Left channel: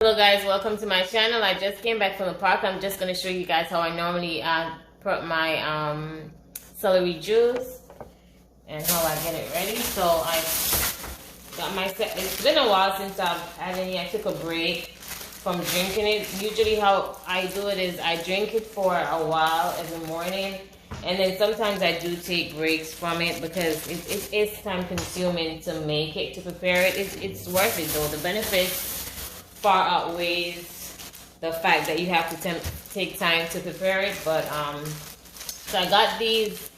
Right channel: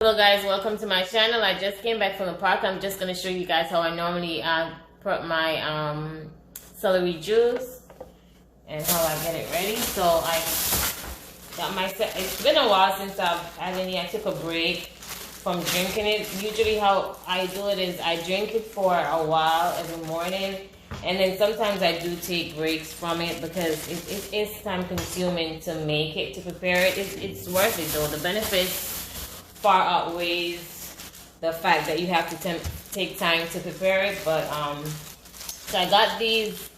Hello guys, welcome to my channel. I just came back from the park. I'm just going to show you guys how I normally put my celery juice and how I get it ready. So I got my, it's been a while since I've had any. I took a break from drinking it. Usually how I do it is I drink it for a while every morning, and then sometimes I do take breaks from it because it is time consuming to make it, to prepare it. It's worth it though. The benefits far outweighs the fact that you have to take time to prepare it. But so I got these.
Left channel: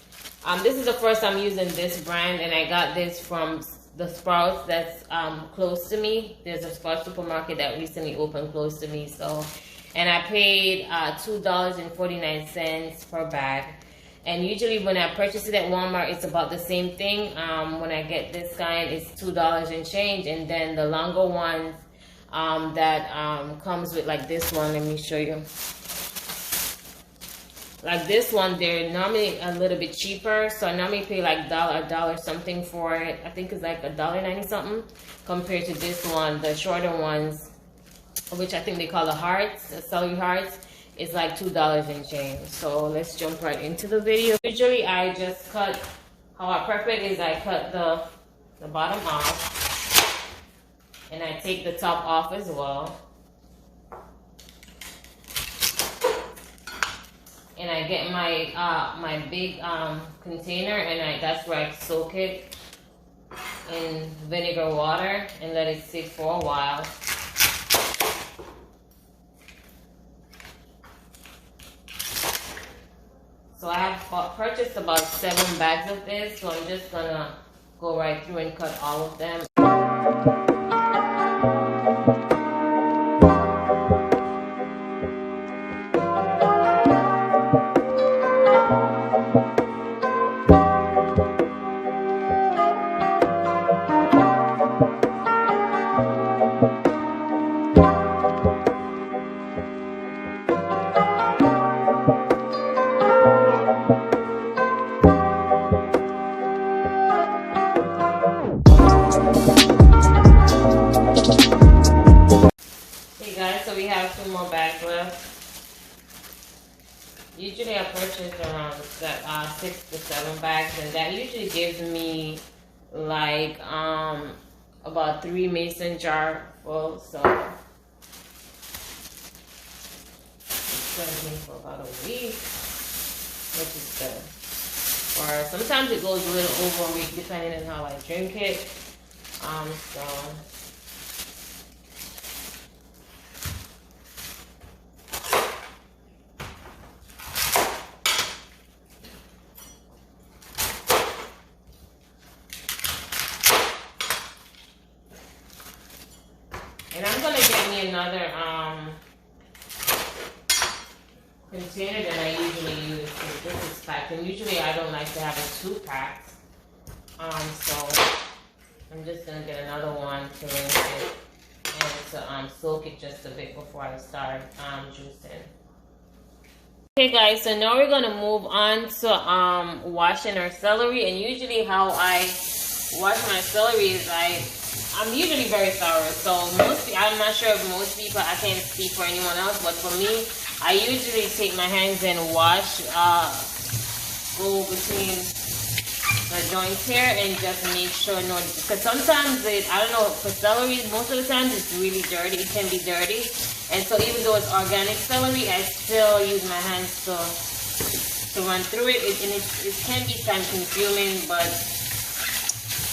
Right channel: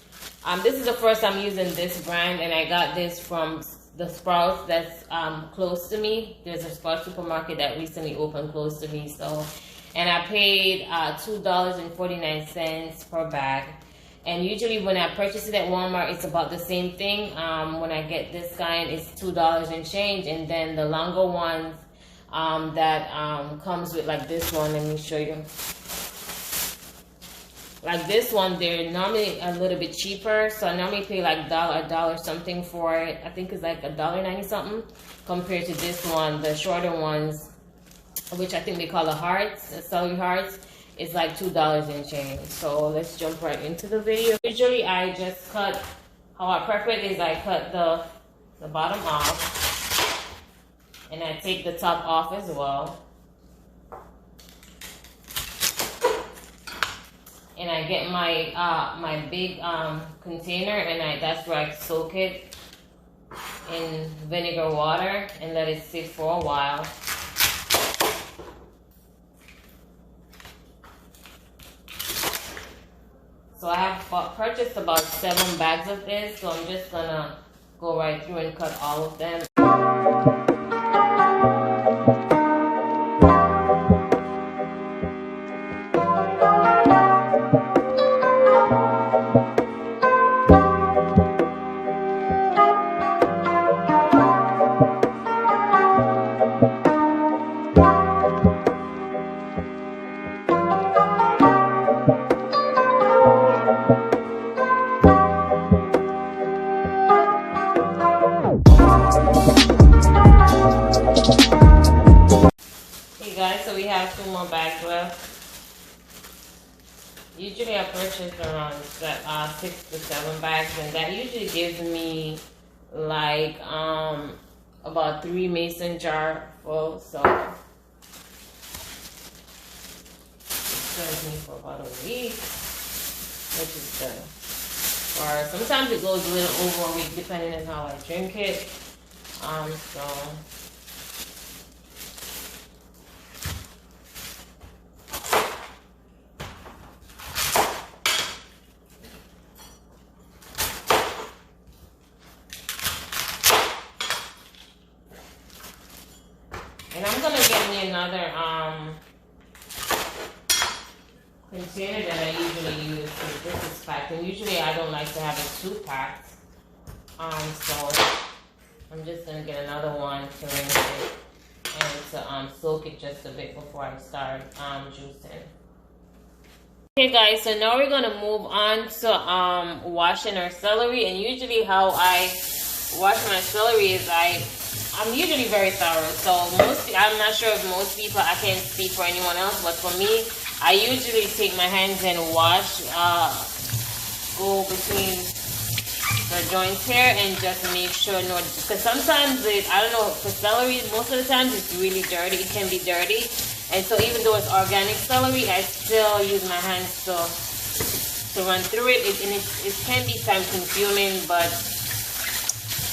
This is the first I'm using this brand, and I got this from the Sprouts that's close to me. There's a Sprouts supermarket that recently opened close to me. So, and I paid $2.49 per bag. And usually when I purchase it at Walmart, it's about the same thing. When I get this kind, it's $2 and change, and then the longer ones that comes with, like this one, let me show you. Like this one, they're normally a little bit cheaper, so I normally pay like a dollar something for it. I think it's like $1.90 something compared to this one. The shorter ones, which I think they call the hearts, the celery hearts, is like $2 and change. So let's jump right into the video. Usually I just cut, how I prep it is I cut the bottom off. And I take the top off as well. And I get my my big container, and that's where I soak it in vinegar water and let it sit for a while. So I have purchased about 7 bags of this, so I'm just gonna go right through and cut all of them. So we have 2 more bags left. Usually I purchase around 6 to 7 bags, and that usually gives me like about 3 mason jar full. So it serves me for about a week, which is good. Or sometimes it goes a little over a week depending on how I drink it. So and I'm gonna get me another container that I usually use, because this is packed, and usually I don't like to have it too packed. So I'm just gonna get another one to rinse it and to soak it just a bit before I start juicing. Okay guys, so now we're gonna move on to washing our celery. And usually how I wash my celery is I'm usually very thorough. So I'm not sure if most people, I can't speak for anyone else, but for me, I usually take my hands and wash, go between the joints here and just make sure, because sometimes I don't know, for celery, most of the times it's really dirty. It can be dirty. And so even though it's organic celery, I still use my hands to run through it. It can be time consuming, but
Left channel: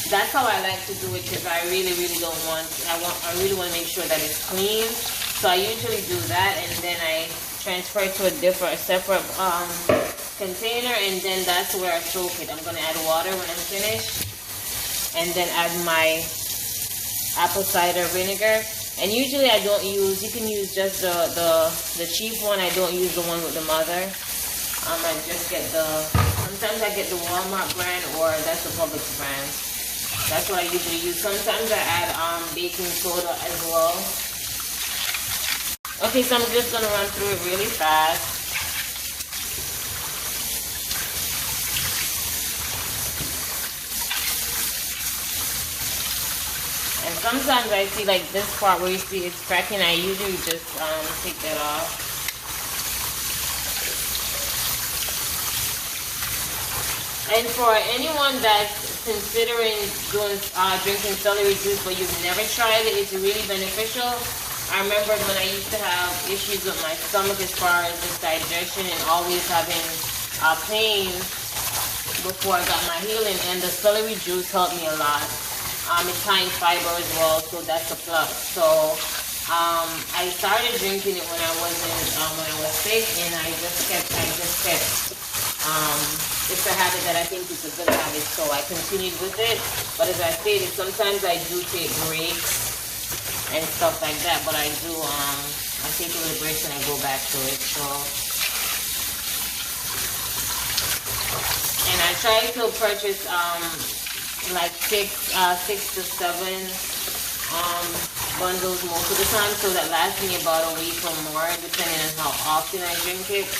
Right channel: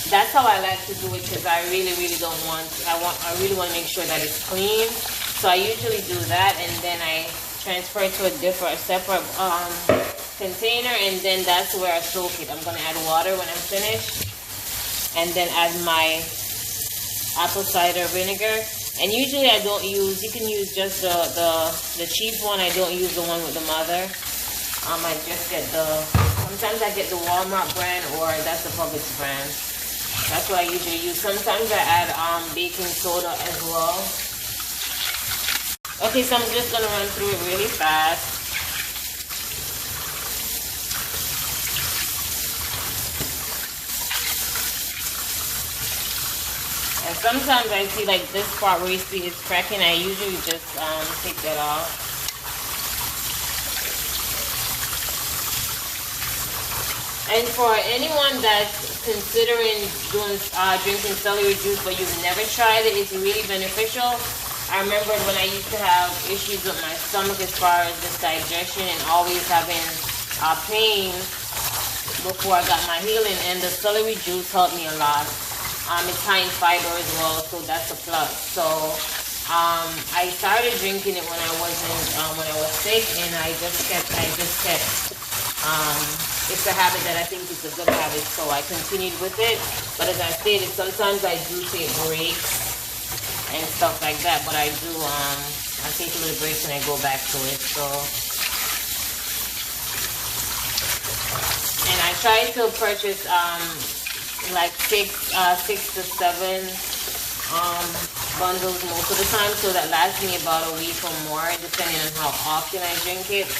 that's how I like to do it, because I really don't want, I really want to make sure that it's clean. So I usually do that, and then I transfer it to a separate container, and then that's where I soak it. I'm going to add water when I'm finished, and then add my apple cider vinegar. And usually I don't use, you can use just the cheap one. I don't use the one with the mother. I just get sometimes I get the Walmart brand, or that's the Publix brand. That's what I usually use. Sometimes I add baking soda as well. Okay, so I'm just going to run through it really fast. And sometimes I see like this part where you see it's cracking, I usually just take that off. And for anyone that's considering doing drinking celery juice but you've never tried it, it's really beneficial. I remember when I used to have issues with my stomach as far as this digestion and always having pain before I got my healing, and the celery juice helped me a lot. It's high in fiber as well, so that's a plus. So I started drinking it when I was sick, and I just kept. It's a habit that I think is a good habit, so I continued with it. But as I stated, sometimes I do take breaks and stuff like that. But I do I take a little breaks and I go back to it. So. And I try to purchase like six to seven bundles most of the time, so that lasts me about a week or more, depending on how often I drink it.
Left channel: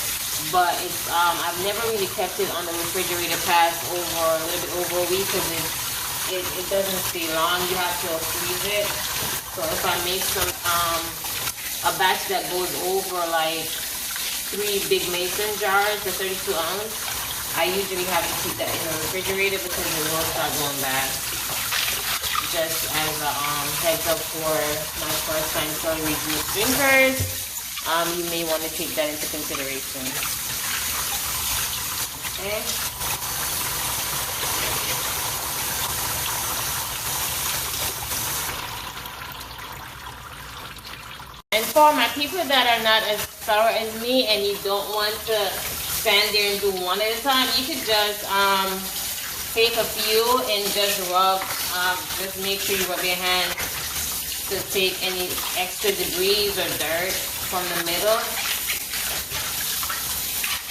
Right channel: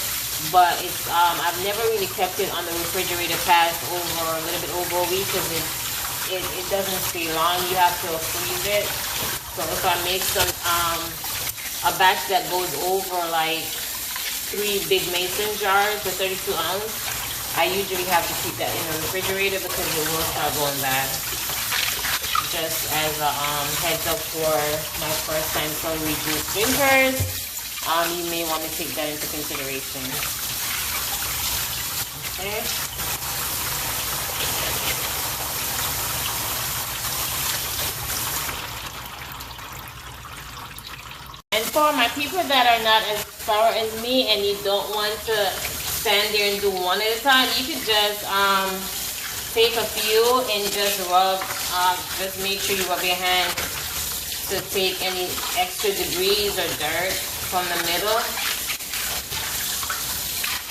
But it's I've never really kept it on the refrigerator past a little bit over a week, because it doesn't stay long. You have to freeze it. So if I make some a batch that goes over like 3 big mason jars for 32 ounce. I usually have to keep that in the refrigerator because it will start going bad. Just as a heads up for my first time celery juice drinkers, you may want to take that into consideration. Okay. And for my people that are not as thorough as me and you don't want to stand there and do one at a time, you could just take a few and just rub, just make sure you rub your hand to take any extra debris or dirt from the middle.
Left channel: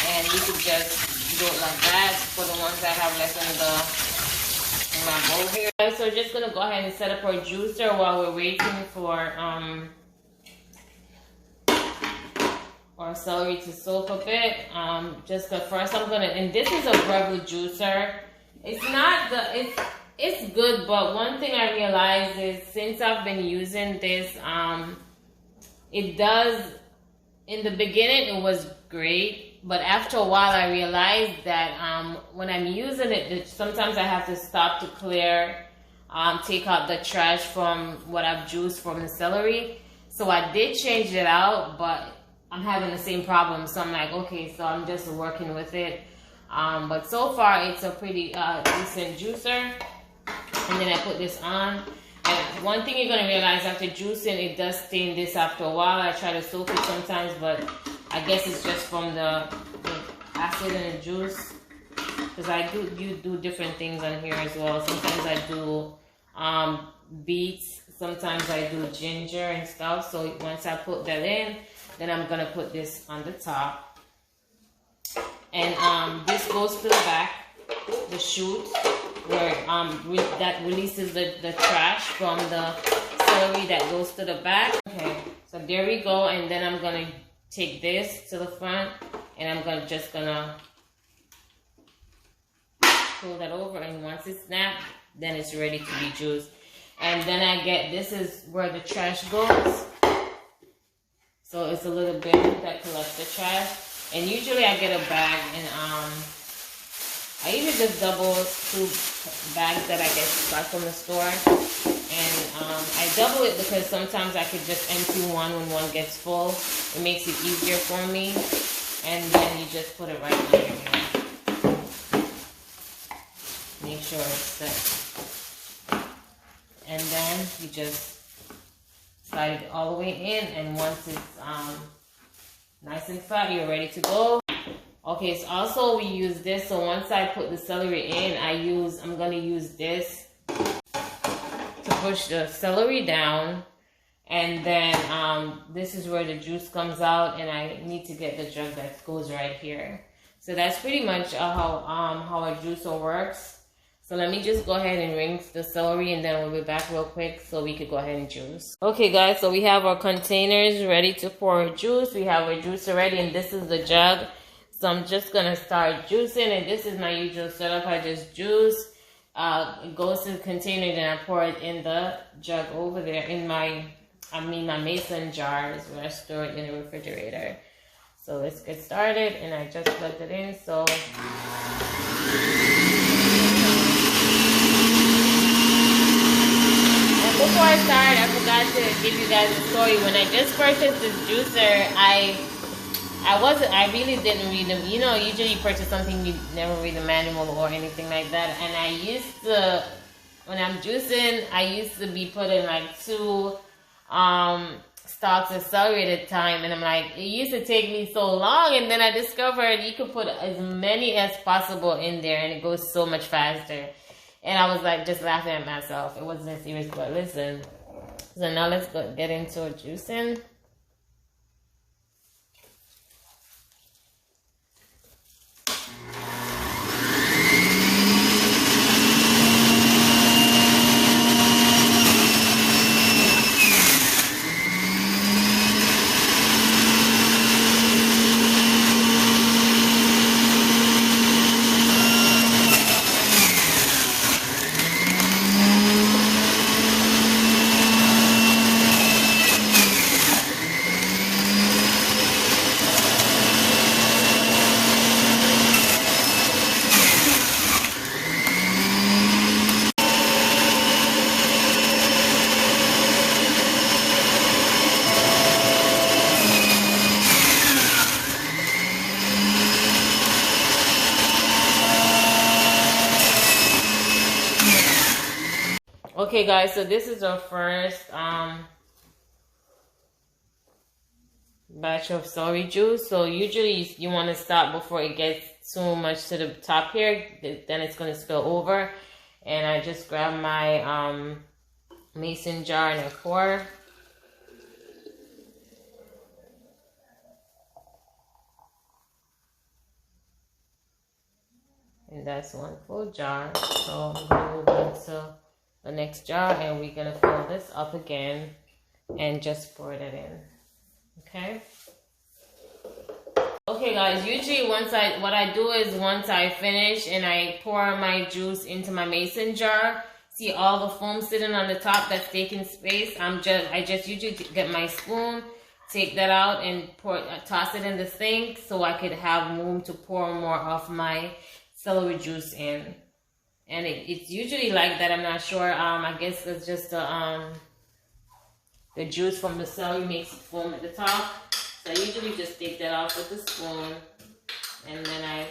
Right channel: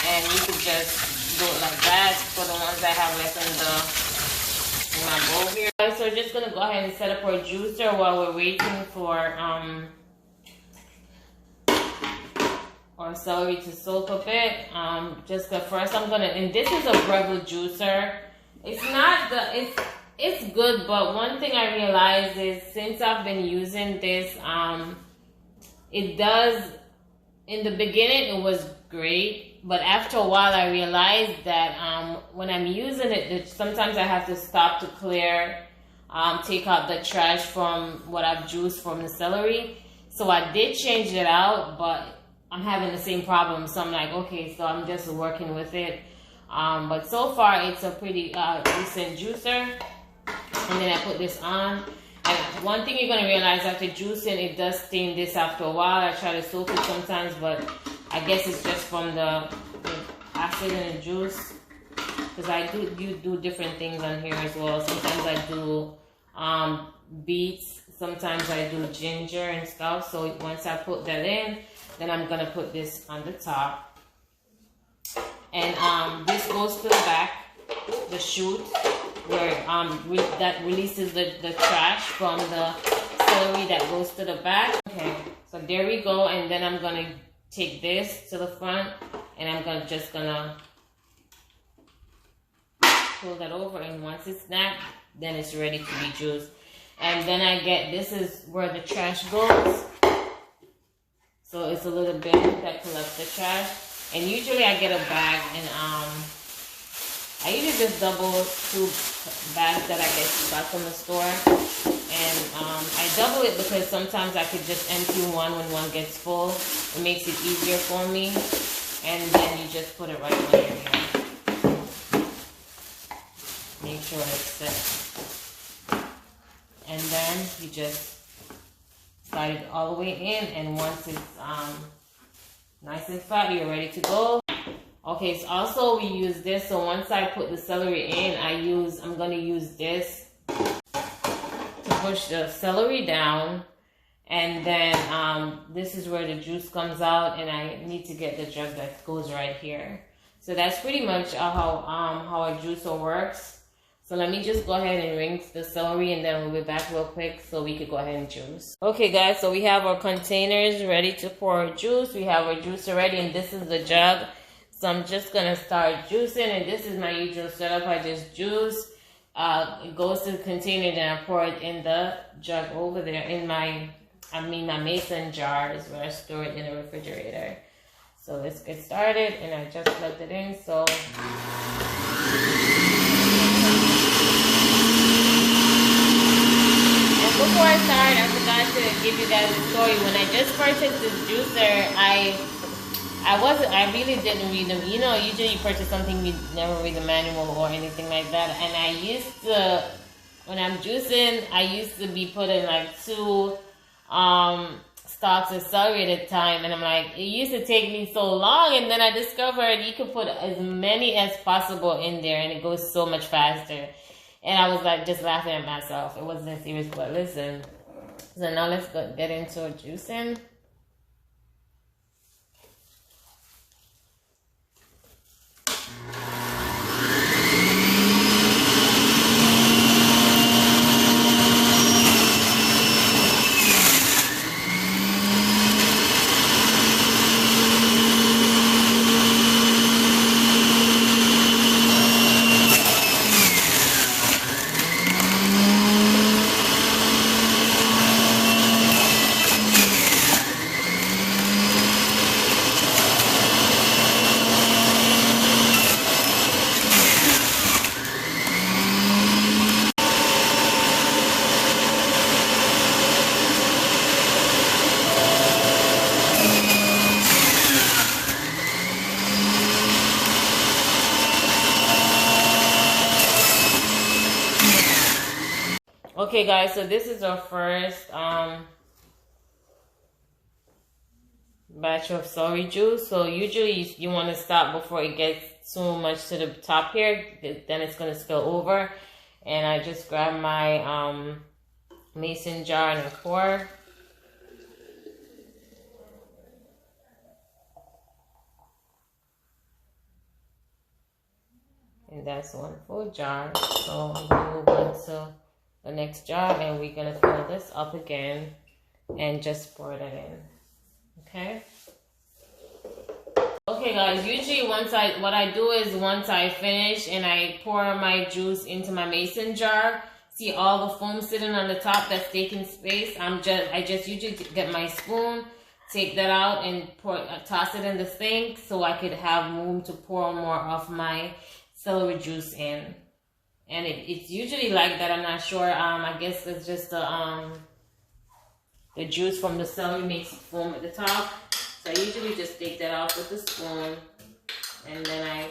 And you could just do it like that for the ones that have left in my bowl here. So just gonna go ahead and set up our juicer while we're waiting for our celery to soak a bit. Just the first I'm gonna, and this is a Breville juicer. It's not it's good, but one thing I realized is since I've been using this, it does, in the beginning it was great, but after a while I realized that when I'm using it, sometimes I have to stop to clear, take out the trash from what I've juiced from the celery. So I did change it out, but I'm having the same problem, so I'm like, okay, so I'm just working with it. But so far it's a pretty decent juicer. And then I put this on, and one thing you're gonna realize after juicing, it does stain this after a while. I try to soak it sometimes, but I guess it's just from the acid in the juice, because I do different things on here as well. Sometimes I do beets, sometimes I do ginger and stuff. So once I put that in, then I'm gonna put this on the top, and this goes to the back, the chute, where that releases the trash from the celery that goes to the back. Okay, so there we go. And then I'm gonna take this to the front, and I'm just gonna pull that over, and once it's snapped, then it's ready to be juiced. And then I get, this is where the trash goes. So it's a little bin that collects the trash. And usually I get a bag, and I usually just double 2 bags that I get back from the store. And I double it because sometimes I could just empty one when one gets full. It makes it easier for me. And then you just put it right under here. Make sure it's set. And then you just slide it all the way in, and once it's nice and flat, you're ready to go. Okay, so also we use this. So once I put the celery in, I'm gonna use this to push the celery down, and then this is where the juice comes out, and I need to get the jug that goes right here. So that's pretty much how a juicer works. So let me just go ahead and rinse the celery, and then we'll be back real quick so we could go ahead and juice. Okay guys, so we have our containers ready to pour our juice. We have our juicer ready, and this is the jug. So I'm just gonna start juicing, and this is my usual setup. I just juice, it goes to the container, then I pour it in the jug over there in my mason jars where I store it in the refrigerator. So let's get started, and I just plugged it in. So before I start, I forgot to give you guys a story. When I just purchased this juicer, I really didn't read them. You know, usually you purchase something, you never read the manual or anything like that. And I used to, when I'm juicing, I used to be putting like 2 stalks of celery at a time. And I'm like, it used to take me so long. And then I discovered you could put as many as possible in there, and it goes so much faster. And I was like just laughing at myself. It wasn't serious, but listen. So now let's get into juicing. Okay guys, so this is our first batch of celery juice. So usually you want to stop before it gets too much to the top here, then it's going to spill over. And I just grabbed my mason jar and I pour. And that's 1 full jar. So I'm going to move on to the next jar, and we're gonna fill this up again and just pour that in. Okay guys, usually what I do is once I finish and I pour my juice into my mason jar, see all the foam sitting on the top that's taking space, I just usually get my spoon, take that out and toss it in the sink so I could have room to pour more of my celery juice in. And it's usually like that. I'm not sure. I guess it's just the juice from the celery makes foam at the top. So I usually just take that off with the spoon, and then I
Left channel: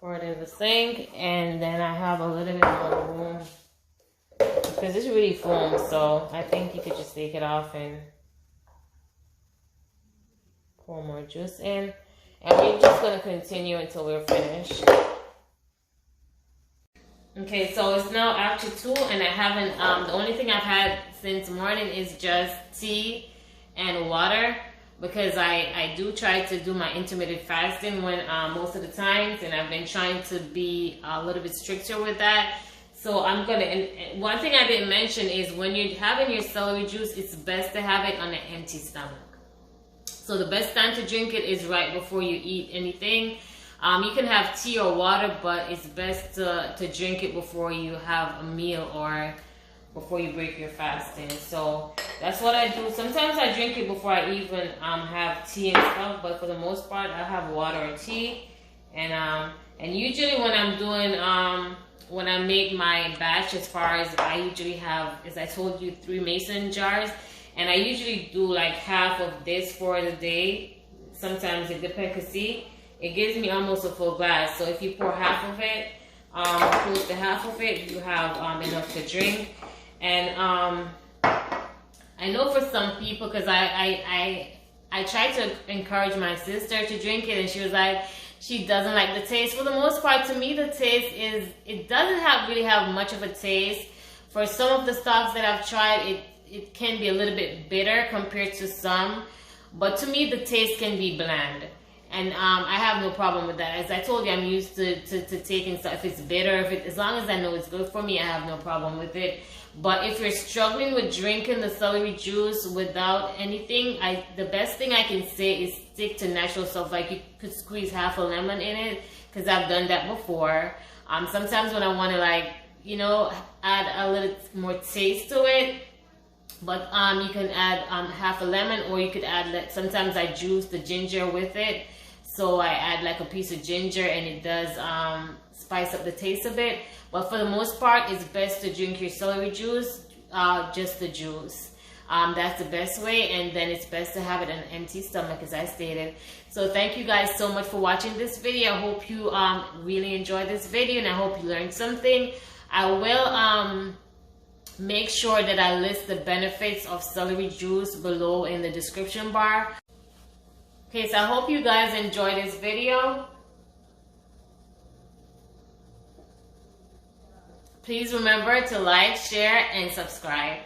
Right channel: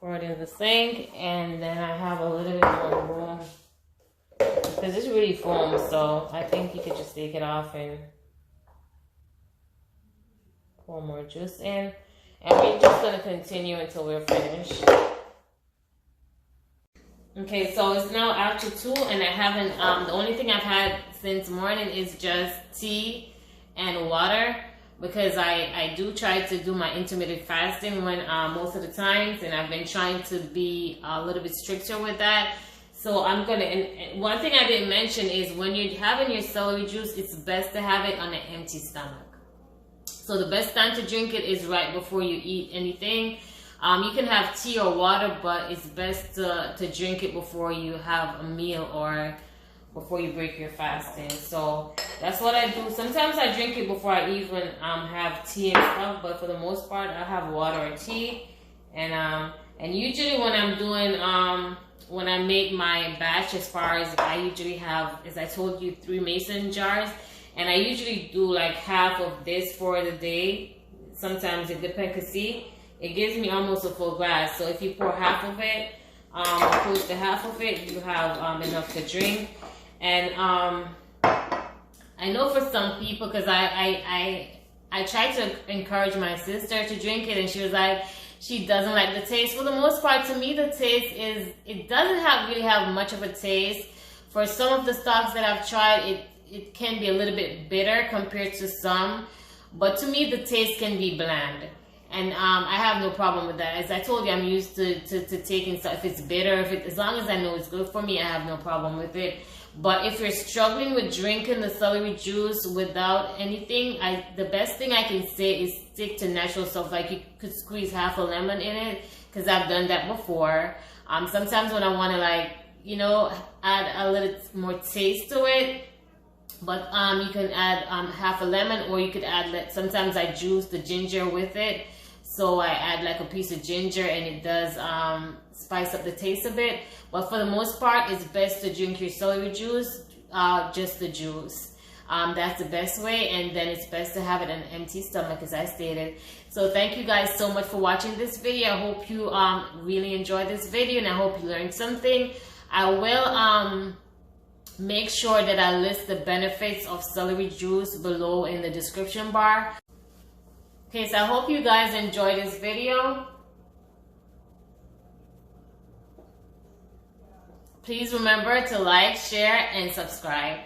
pour it in the sink, and then I have a little bit more room because it's really foam. So I think you could just take it off and pour more juice in, and we're just gonna continue until we're finished. Okay, so it's now after 2, and I haven't, the only thing I've had since morning is just tea and water, because I do try to do my intermittent fasting when most of the times, and I've been trying to be a little bit stricter with that. So I'm gonna, and one thing I didn't mention is when you're having your celery juice, it's best to have it on an empty stomach. So the best time to drink it is right before you eat anything. You can have tea or water, but it's best to drink it before you have a meal or before you break your fasting. So that's what I do. Sometimes I drink it before I even have tea and stuff, but for the most part, I have water or tea. And usually when I'm doing, when I make my batch, as far as I usually have, as I told you, 3 mason jars, and I usually do like half of this for the day. Sometimes it depends, because see, it gives me almost a full glass. So if you pour half of it, close to half of it, you have enough to drink. And I know for some people, because I tried to encourage my sister to drink it, and she was like, she doesn't like the taste. For the most part, to me, the taste is, it doesn't really have much of a taste. For some of the stocks that I've tried, it can be a little bit bitter compared to some. But to me, the taste can be bland. And I have no problem with that. As I told you, I'm used to taking stuff. If it's bitter, as long as I know it's good for me, I have no problem with it. But if you're struggling with drinking the celery juice without anything, the best thing I can say is stick to natural stuff. Like you could squeeze half a lemon in it, because I've done that before. Sometimes when I want to, like, you know, add a little more taste to it, but you can add half a lemon, or you could add, like, sometimes I juice the ginger with it. So I add like a piece of ginger, and it does spice up the taste a bit. But for the most part, it's best to drink your celery juice, just the juice. That's the best way, and then it's best to have it on an empty stomach, as I stated. So thank you guys so much for watching this video. I hope you really enjoyed this video, and I hope you learned something. I will make sure that I list the benefits of celery juice below in the description bar. Okay, so I hope you guys enjoyed this video. Please remember to like, share, and subscribe.